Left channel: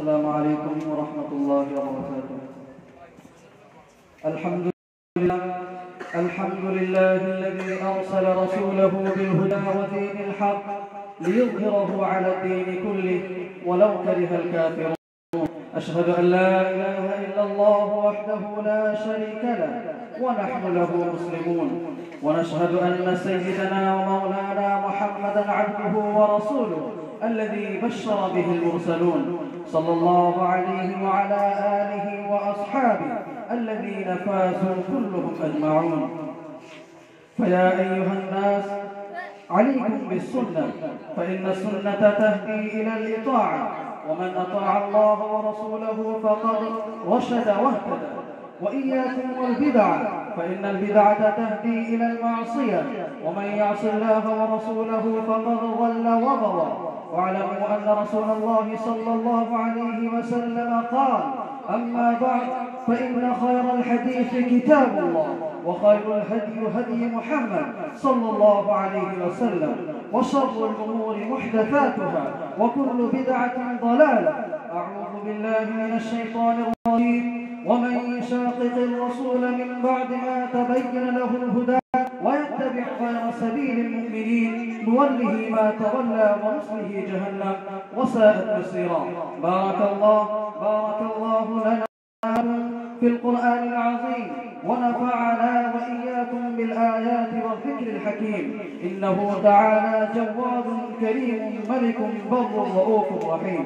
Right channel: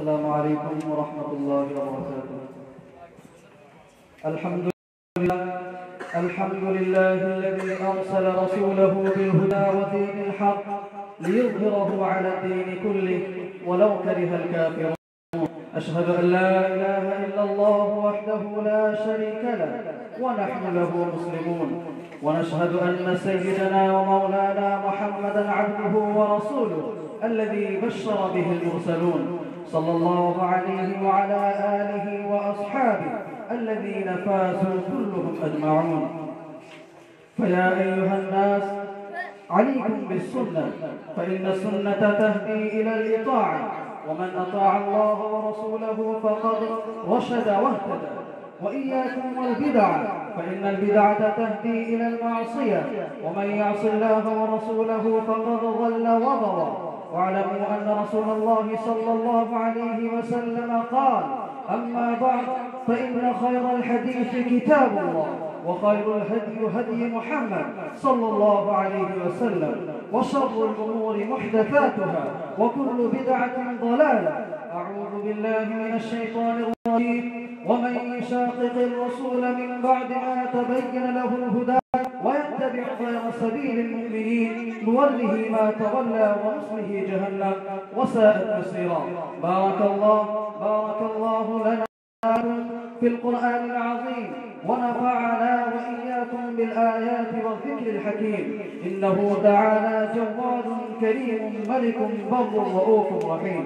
السلام عليكم ورحمة الله وبركاته. الحمد لله الذي أرسل رسوله بالهدى ودين الحق ليظهره على الدين كله ولو كره الكافرون. أشهد أن لا إله إلا الله وحده لا شريك له ونحن له مسلمون، ونشهد أن سيدنا ومولانا محمدا عبده ورسوله الذي بشر به المرسلون، صلى الله عليه وعلى آله وأصحابه الذين فازوا كلهم أجمعون. فيا أيها الناس عليكم بالسنة، فإن السنة تهدي إلى الإطاعة، ومن أطاع الله ورسوله فقد رشد واهتدى. وإياكم والبدع، فإن البدعة تهدي إلى المعصية، ومن يعص الله ورسوله فقد ضل وغوى. واعلموا أن رسول الله صلى الله عليه وسلم قال: أما بعد، فإن خير الحديث كتاب الله، وخير الهدي هدي محمد صلى الله عليه وسلم، وشر الأمور محدثاتها، وكل بدعة ضلالة. أعوذ بالله من الشيطان الرجيم. ومن يشاقق الرسول من بعد ما تبين له الهدى ويتبع غير سبيل المؤمنين نوله ما تولى ونصله جهنم وساءت مصيرا. بارك الله لنا في القرآن العظيم، ونفعنا وإياكم بالآيات والذكر الحكيم. إنه تعالى جواد كريم ملك بر رؤوف رحيم.